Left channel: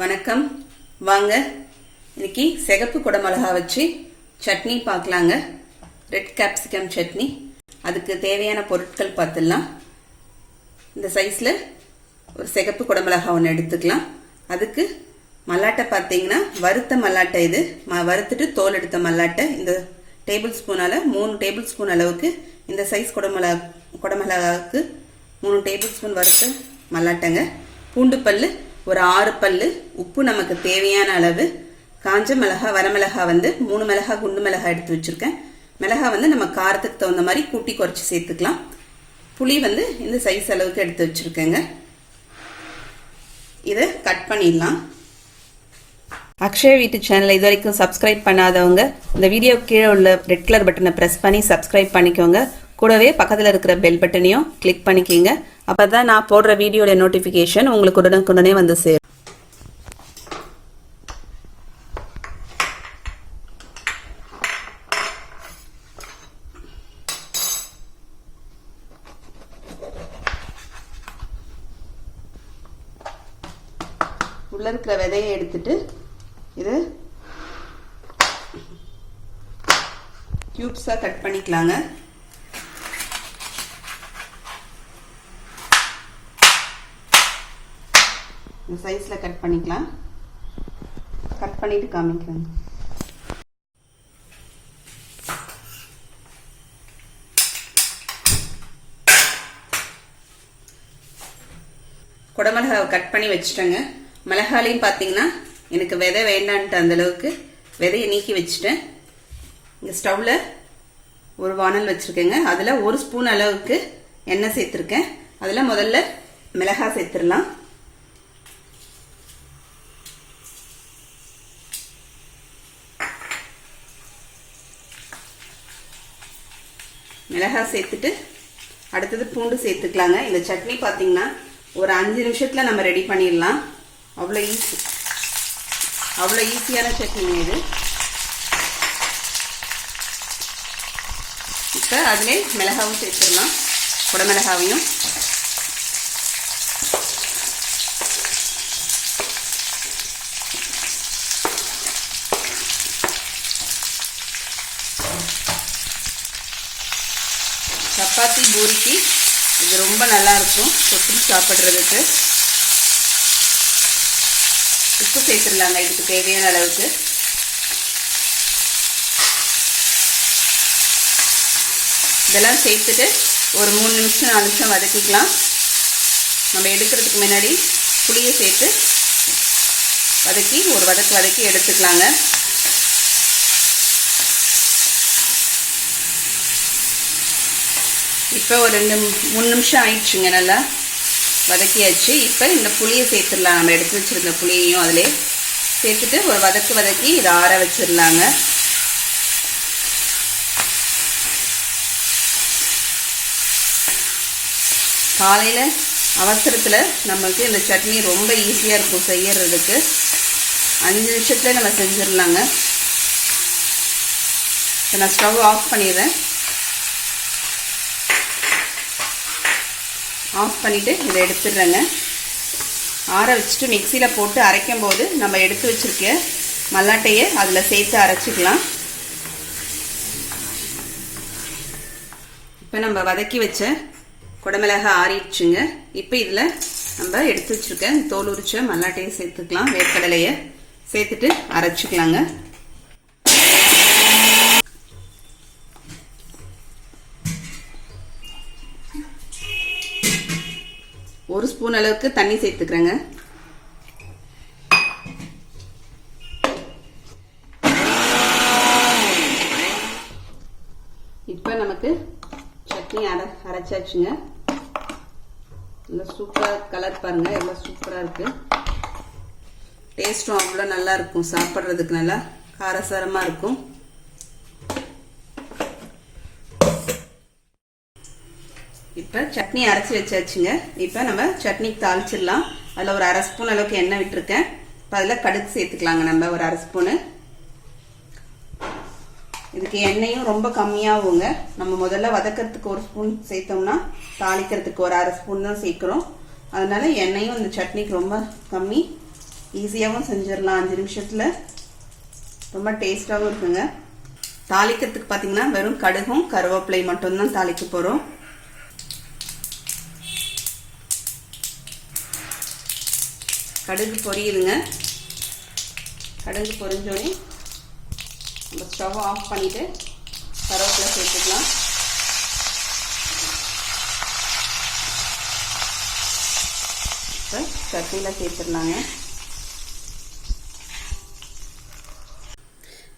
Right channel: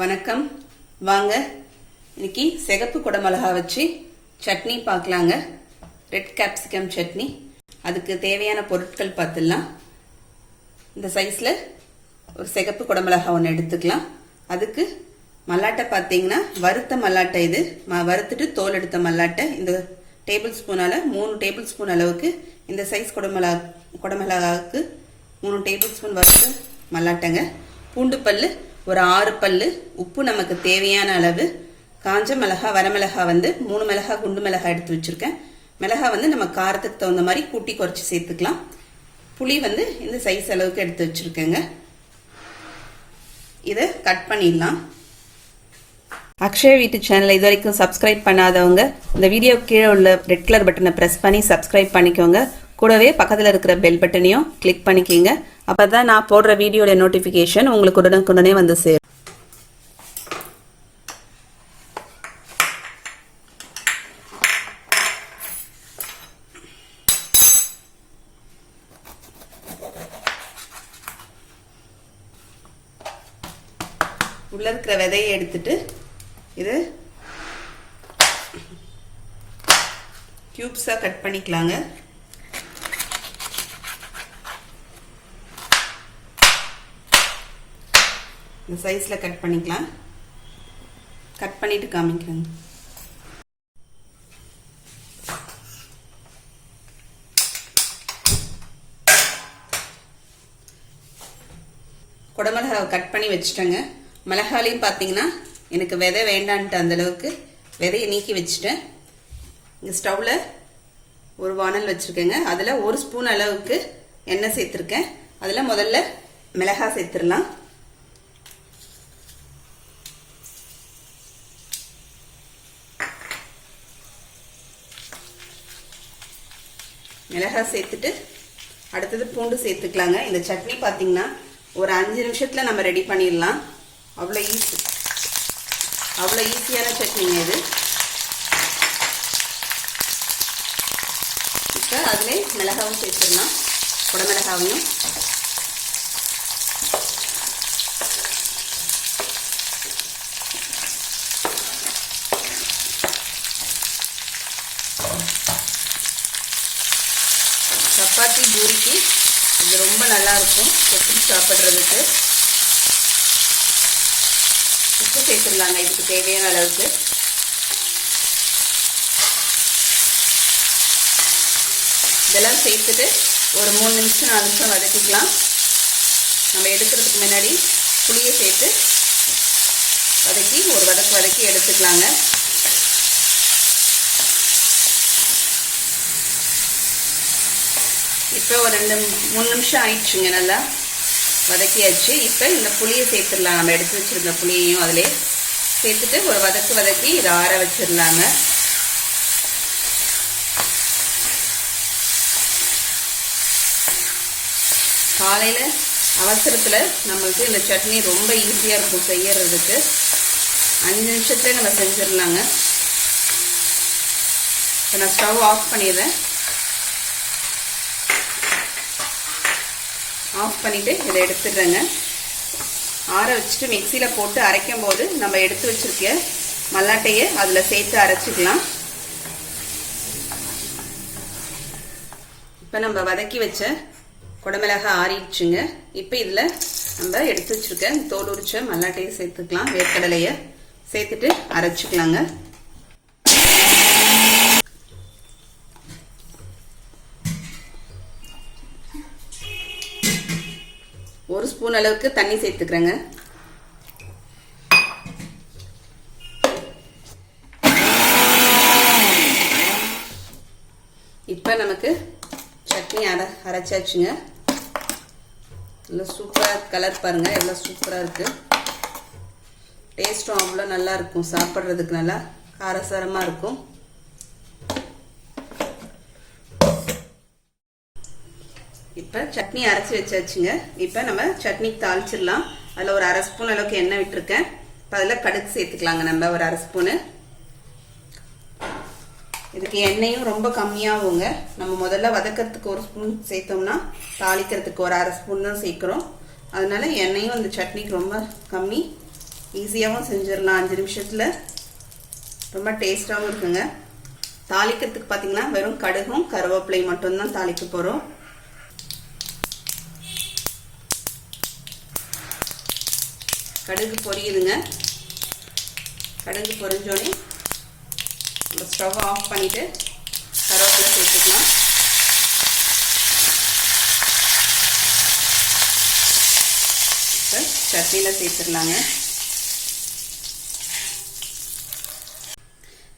வணக்கம். வாங்க இன்னைக்கு சிகப்பு குடமிளகா வச்சு சட்னி பார்க்கலாங்க. Red capsicum chutney. அதுக்கு தேவையான பொருட்கள் பார்த்துடலாம். இந்த சைஸில் ஒரு சிகப்பு குடமிளகா ஒன்று எடுத்துக்கலாம். அதுக்கு மல்லாட்டை பார்த்தீங்கன்னா வறுத்த மல்லாட்டை, இது வறுத்துட்டு தோல் எடுத்த மல்லாட்டை. இந்த டேபிள் ஸ்பூனால் 3 டேபிள் ஸ்பூன் அளவுக்கு, இந்த சைஸ் குடமிளகாவுக்கு 3 டேபிள் ஸ்பூன் வறுத்த மல்லாட்டைங்க. பூண்டு பல்லு ஒரு 6 பல்லு, உப்பு நமக்கு தேவையான அளவு, காஞ்ச மிளகா வரமிளகா 3 மிளகா குண்டு மிளகா எடுத்து வச்சிருக்கேன். மிளகா நம்ம காரத்துக்கு தகுந்த மாதிரி கூட்டி குறைச்சி சேர்த்துக்கலாம். புளி இந்த சைஸ் அளவுக்கு எடுத்து வச்சிருக்கேங்க. இதை கட் பண்ணிடலாம். அக்ஷயா வீட்டு சேனலை இது வரைக்கும் சப்ஸ்கிரைப் பண்ணாதவங்க இந்த வீடியோ கீழே உள்ள ரெட் கலர் பட்டனை ப்ரெஸ் பண்ணி சப்ஸ்கிரைப் பண்ணிக்கோங்க. கூடவே பக்கத்தில் இருக்கிற பெல் பட்டனையும் கிளிக் பண்ணிக்கிங்க. அப்போ தான் நான் போடுற வீடியோட நோட்டிஃபிகேஷன் உங்களுக்கு உடனுக்குடனே வந்து சேரும். உள்ள இருக்கிற விதையை எடுத்துட்டு இது கியூப்ஸா கட் பண்ணிக்கலாங்க. இந்த சைஸ்ல கட் பண்ணிக்கலாம். கட் பண்ணிட்டு காமிக்கிறேன். குடமிளகாவை கட் பண்ணி வச்சுட்டேங்க. மிளகாலையும் பார்த்தீங்கன்னா எனக்கு விதை வேண்டான்ட்டு அந்த அளவுக்கு விதையை நீக்கி வச்சுட்டேன். இங்கே ஸ்டவ்ல ஒரு வானல் வச்சிருக்கேங்க. அதில் 1 ஸ்பூன் அளவுக்கு எண்ணெய் சேர்த்துருக்கேன். அதில் முதல்ல மிளகாய் சேர்த்துடலாம். மிளகாய் சேர்த்துட்டு அடுத்தது பூண்டு சேர்த்துக்கலாங்க. இந்த சட்னி பார்த்தீங்கன்னா ஒரு 5 நிமிஷத்துல நம்ம ரெடி பண்ணிடலாம். அவ்வளோ ஈஸியான சட்னிங்க இது. இப்போ அதிலே மிளகாவும் சேர்த்துடலாம், குடமிளகாவையும். சப்பாத்தி பூரிக்கு இது ரொம்ப நல்லா இருக்கும் தொட்டு சாப்பிட்றதுக்கு. உப்பு சேர்த்துடலாங்க இதுக்கு தேவையான அளவுக்கு. இதெல்லாம் சேர்த்துட்டு ஒரு 3 நிமிஷம் 4 நிமிஷம் வதக்கிக்கலாம். நம்ம எடுக்கிறதுக்கு முன்னாடி புளியை சேர்த்து வதக்கி ஒரு வதக்கி எடுத்துக்கலாங்க. இப்போ ஒரு 2-3 நிமிஷம் ஆயிடுச்சுங்க. நல்லா வதக்கியாச்சு. இப்போ இந்த புளியை சேர்த்துடலாம். நம்ம எடுத்து வச்சிருக்க புளியையும் அதிலே சேர்த்துட்டு ஒரு வதக்கி இதை ஆற வச்சிடலாங்க. காலையில் அவசரத்தில் நமக்கு இந்த சட்னி ரொம்ப ஈஸியாக இருக்கும் செய்யறதுக்கு. 5 நிமிஷத்துல நம்ம செஞ்சிடலாங்க. நான் ஸ்டவ் ஆஃப் பண்ணிடுறேன். ஆஃப் பண்ணிவிட்டு இதை எடுத்துடுறேங்க. ஆற வச்சுட்டு மிக்சியில் போட்டு அரைக்கும் போது நம்ம எடுத்து வச்சிருக்க மல்லாட்டையை அதில் சேர்த்து அரைச்சிக்கலாம். இப்போ நம்ம வதக்கி வச்ச குடமிளகாய் ஆறிடுச்சுங்க. இப்போ இதில் நம்ம எடுத்து வச்சிருக்க தோல் உரிச்ச மல்லாட்டையை சேர்த்துக்கலாம். வேர்க்கடலையை சேர்த்துட்டு அரைச்சிக்கலாங்க. ஒரு ஸ்பூன் அளவுக்கு தண்ணி சேர்த்துக்கிறேங்க. இப்போ நமக்கு சட்னி அரைச்சாச்சுங்க. நல்லா சூப்பராக கலர் பாருங்க, எவ்வளோ சூப்பராக இருக்கு. டேஸ்ட்டும் அவ்வளோ நல்லா இருக்கும். சாப்பிட்றதுக்கு நல்லா காரசாரமாக இருக்கும். இப்போ சட்னி அரைச்சி வச்சாச்சுங்க. இப்போ நம்ம சட்னிக்கு தாளிச்சிடலாம். அதில் ஒரு 1/2 ஸ்பூன் அளவுக்கு எண்ணெய் விட்டுருக்கேன். இப்போ அதில் கடுகு சேர்த்துக்கலாங்க. நம்ம ஒரு 1/2 ஸ்பூனு. இதுக்கு எண்ணெயும் ரொம்ப கம்மியாகுங்க. நம்ம முதல்ல வதக்கிறதுக்கு 1 ஸ்பூன் சேர்த்தோம்னா தாளிக்கிறதுக்கு ஒரு 1/2 ஸ்பூன் தான் சேர்க்கிறோம். அதனால எண்ணெயும் இந்த சட்னிக்கு ரொம்ப கம்மி. ஈஸியாகவும் செஞ்சிடலாம் 5 நிமிஷத்தில். ரொம்ப டேஸ்டாகவும் இருக்குங்க. தாளிக்கிறதுக்கு பார்த்தீங்கன்னா வெறும் கடுகும் கருவேப்பிலை மட்டும்தான் தாளிக்க போகிறோம். கடுகு பொரியுதுங்க. கடுகு பொரிஞ்சோடனே நம்ம ஸ்டவ் ஆஃப் பண்ணிவிட்டு கருவேப்பிலை சேர்த்துக்கலாம். இப்போ சட்னியில் சேர்த்துடலாங்க.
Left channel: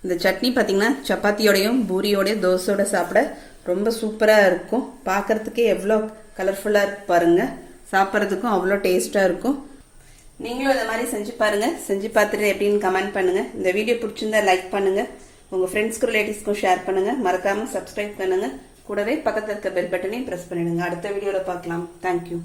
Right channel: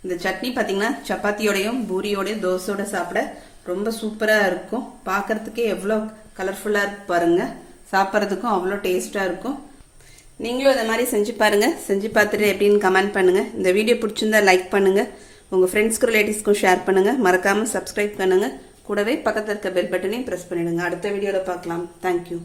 இந்த சட்னி பார்த்தீங்கன்னா சப்பாத்தியோடையும் பூரியோடையும் தோசையோட சாப்பிட ரொம்ப சூப்பராக இருக்கும். பார்க்கறதுக்கே எவ்வளோ கலர்ஃபுல்லாக இருக்கு பாருங்க. சாப்பிட்றதுக்கும் அவ்வளோ டேஸ்ட்டாக இருக்கும். நீங்களும் இதை மாதிரி செஞ்சு பாருங்க. செஞ்சு பார்த்துட்டு எப்படின்னு கமெண்ட் பண்ணுங்க. இந்த வீடியோ பிடிச்சிருந்தா லைக் பண்ணுங்க. உங்கள் ஃப்ரெண்ட்ஸ்க்கும் ரிலேட்டிவ்ஸ்க்கும் ஷேர் பண்ணுங்க. மறக்காமல் சப்ஸ்கிரைப் பண்ணுங்க. கூடவே பக்கத்தில் இருக்க பெல் பட்டனையும் ப்ரெஸ் பண்ணிடுங்க. அடுத்த வீடியோவில் பார்க்கலாம். தேங்க்யூ.